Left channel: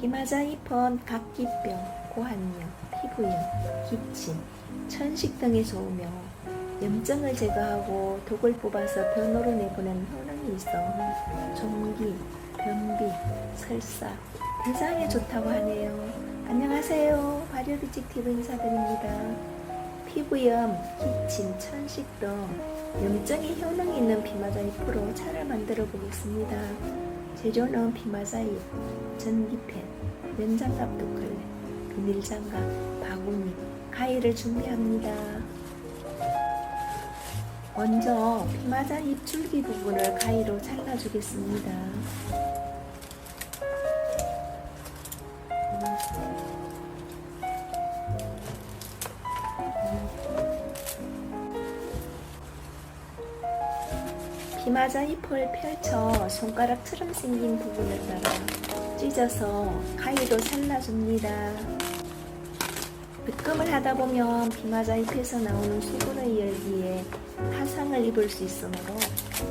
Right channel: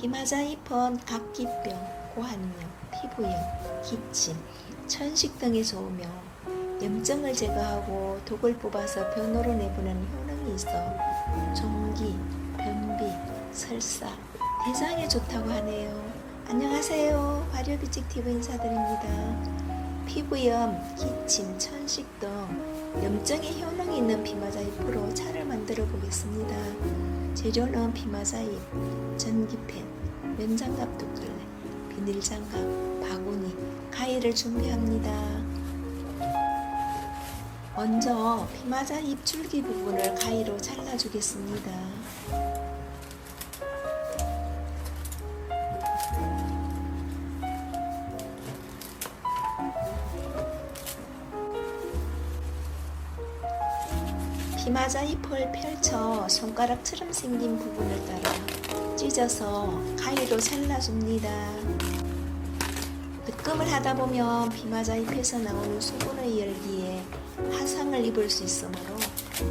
피마자이펌, 각기병, 고환염, 피부염, 기침, 천식 등에서 오며 염증을 제거하고 독을 뽑아서 변으로 내보내는 효능이 있어 종기, 변비, 설사, 대장에 좋다고 하네요. 안녕하세요. 발효비직티브 인사드립니다. 피부염, 기침, 천식 등 염증에 효능이 있는 피마자잎으로 차를 만들어 보겠습니다. 재료는 피마자잎, 전기펜, 면장갑 2클레, 비닐장갑, 바구니, 가위를 준비합니다. 먼저 피마자잎 줄기 부분을 가위로 잘라주겠습니다. 피마자잎을 펼쳐 손가락처럼 생긴 부분을 따라 찢어서 가위로 잘라줍니다. 득금을 하다 보면 피마자잎에서 나오는 수분의 열기에 화상을 입을 수 있으므로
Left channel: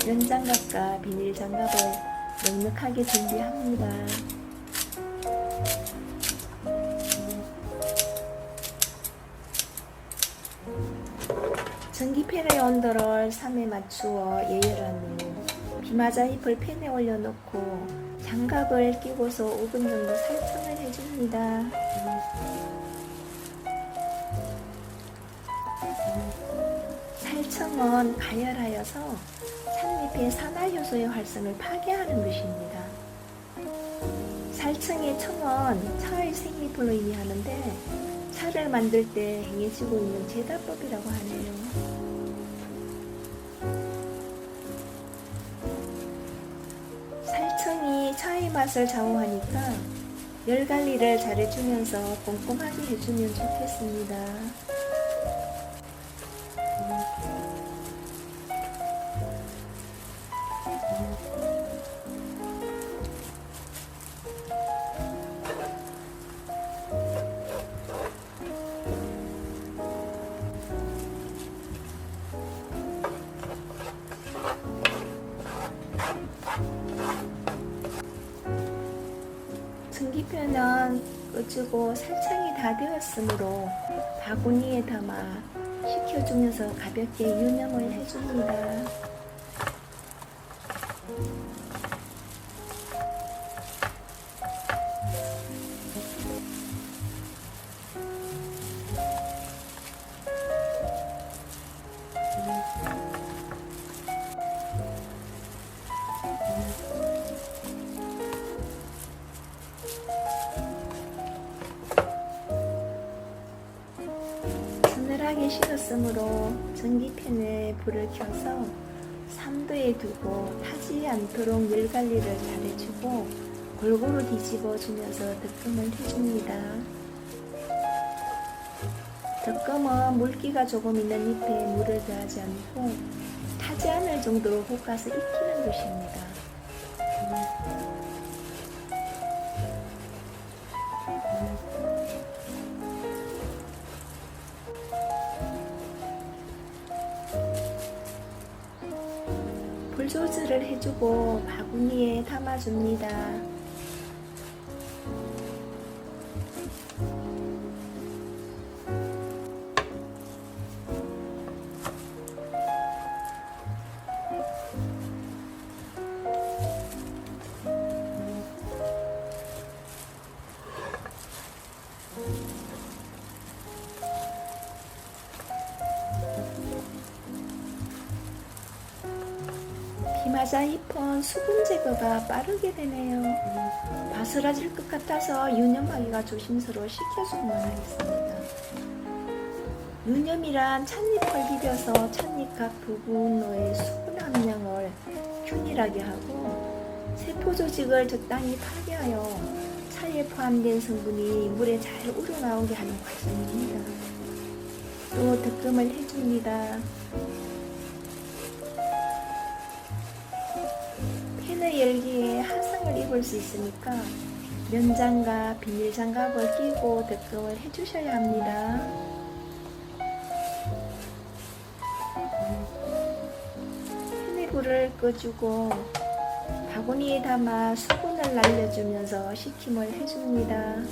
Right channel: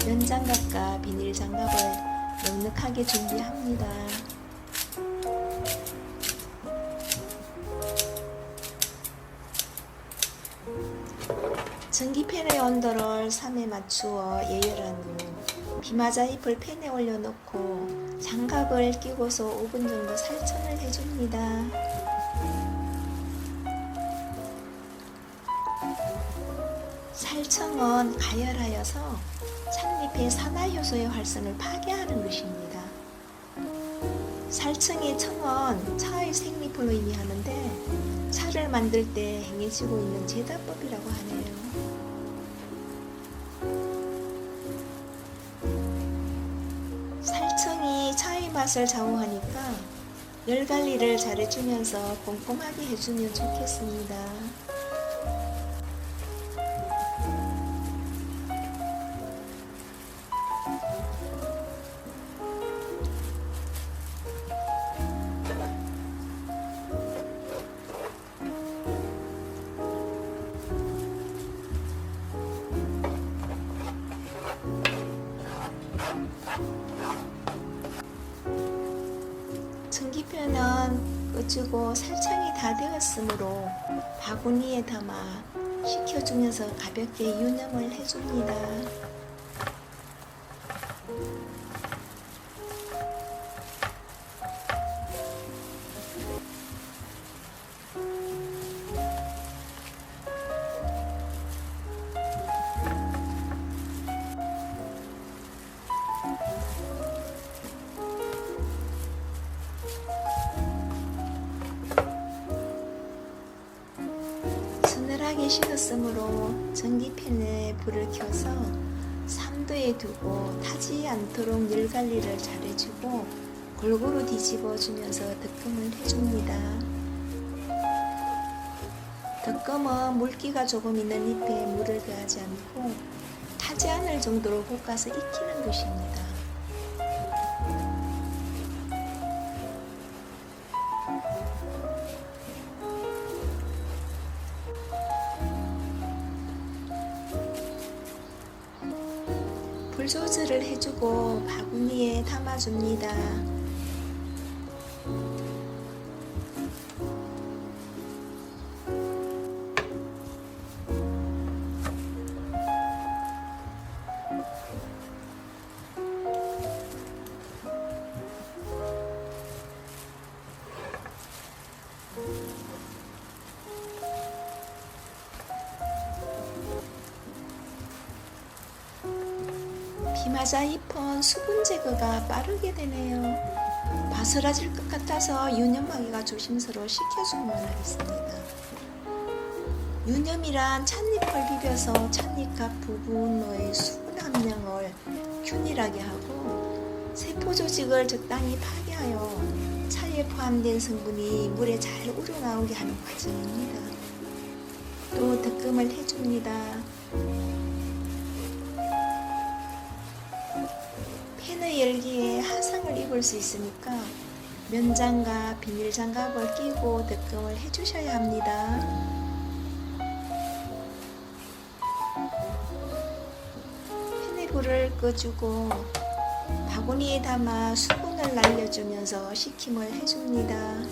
면장갑과 비닐장갑을 넉넉하게 준비합니다. 전기팬의 온도를 3에 맞추어 예열한 후 피마자잎을 팬에 올려놓고 장갑을 끼고서 5분 정도 살청을 해줍니다. 살청은 가열하여서 찻잎의 산화효소의 활성을 파괴하는 것입니다. 살청의 청은 차의 생리풀로 의미하는데 차를 만들 때 행해지고 있는 제다법이라고 하네요. 살청이 차의 맛을 좌우하니까 열관리를 잘해주면서 꼼꼼하게 해주면 좋겠습니다. 전기편은 꺼주고 살청이 다 되었으므로 바구니에 담아 식혀주면서 가볍게 유념을 해줍니다. 서늘하게 식었으므로 전기팬에 불을 켜서 3도에 두고 타지 않도록 열관리를 잘해주고 골고루 뒤집어 주면서 득금을 해줍니다. 득금은 물기가 조금 있는 잎에 물을 더하지 않고 타지 않을 정도로 볶아서 익히는 것입니다. 불 조절을 해주고 바구니에 담아줍니다. 피마자잎은 수분 제거가 빠르게 되네요. 바스라질 것 같아서 유념하기가 조심스러워 식혀주기만 하겠습니다. 유념이란 찻잎을 비벼서 찻잎 각 부분의 수분 함량을 균일하게 하고 세포 조직을 적당히 파괴하여 차에 포함된 성분이 물에 잘 우러나오게 하는 과정입니다. 또 득금을 해줍니다. 팬의 열기에 화상을 입을 수 있으니까 면장갑, 비닐장갑을 끼고 득금을 해주셔야 합니다. 팬의 불을 꺼주고 바구니에 담아 수분을 날려주면서 식힘을 해줍니다.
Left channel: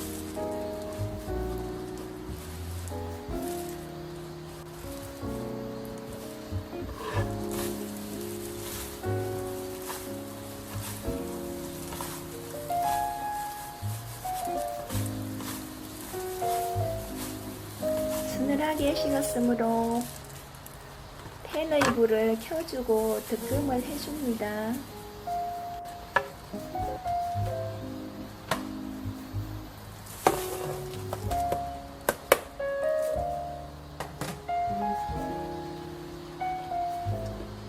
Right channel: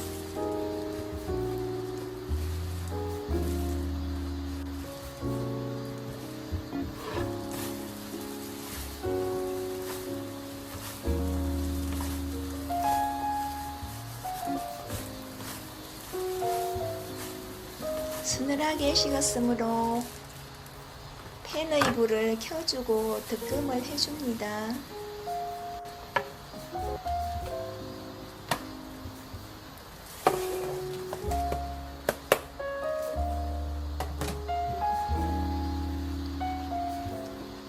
서늘하게 식었으므로 팬의 불을 켜주고 득금을 해줍니다.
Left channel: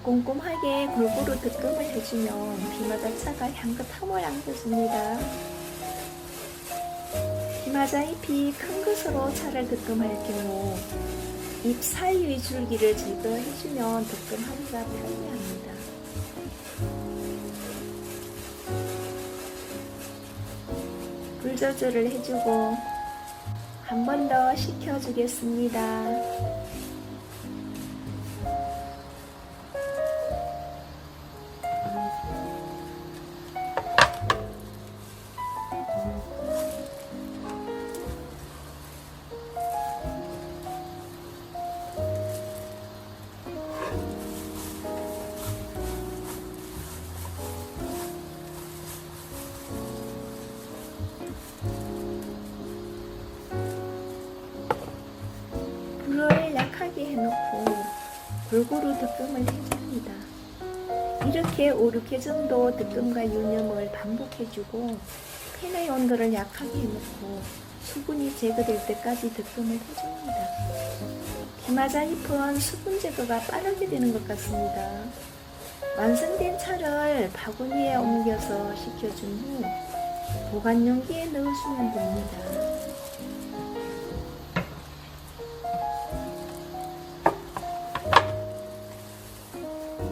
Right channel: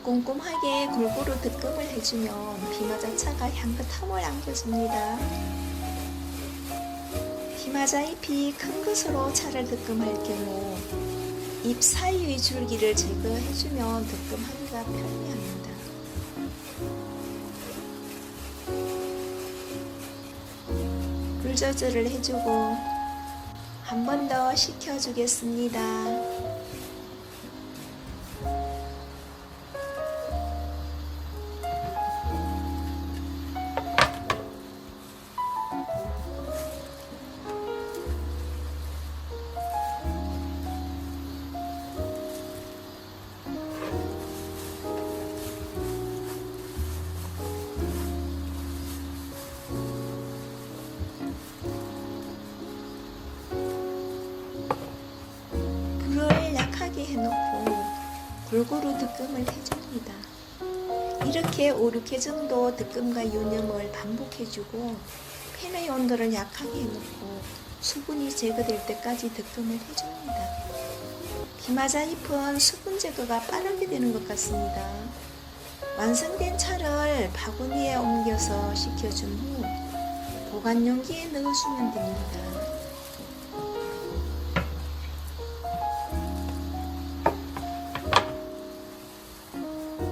꼼꼼하게 골고루 득금을 해주면 비마자차가 향긋함을 안겨줍니다. 비마자 잎이 큰 것으로 차를 득금할 경우 잎 사이의 줄기를 제거해주면 득금하기가 편리합니다. 불 조절을 해주고 한 번 더 식혀주겠습니다. 불을 약하게 해놓고 골고루 득금을 해줍니다. 이렇게 5, 6회 정도 득금과 유념을 반복해주고 팬의 온도를 약하게 해놓고 수분이 제거될 때까지 득금을 해줍니다. 비마자 잎은 수분 제거가 빠르게 되는 것 같습니다. 완성된 차를 바구니에 옮겨서 식혀준 후 보관 용기에 넣어주면 됩니다.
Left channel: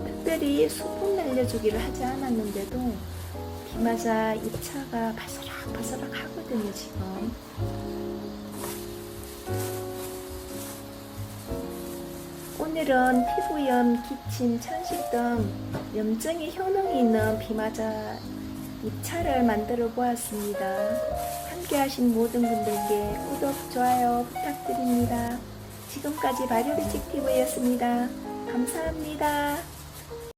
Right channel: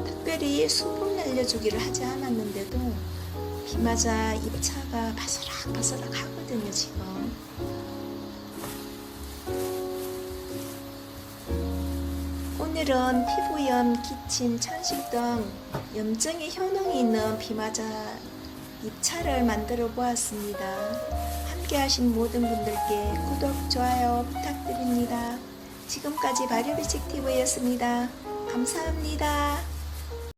특별히 수분 날려주기를 하지 않았는데도 비마자 잎차가 바스락바스락 하거든요. 지금 오늘은 피부염, 기침, 천식 등 염증의 효능이 있는 비마자 잎차를 만들어 보았습니다. 함께 하신 모든 분들께 구독, 좋아요 부탁드립니다. 지금까지 발효비칙TV였습니다. 감사합니다.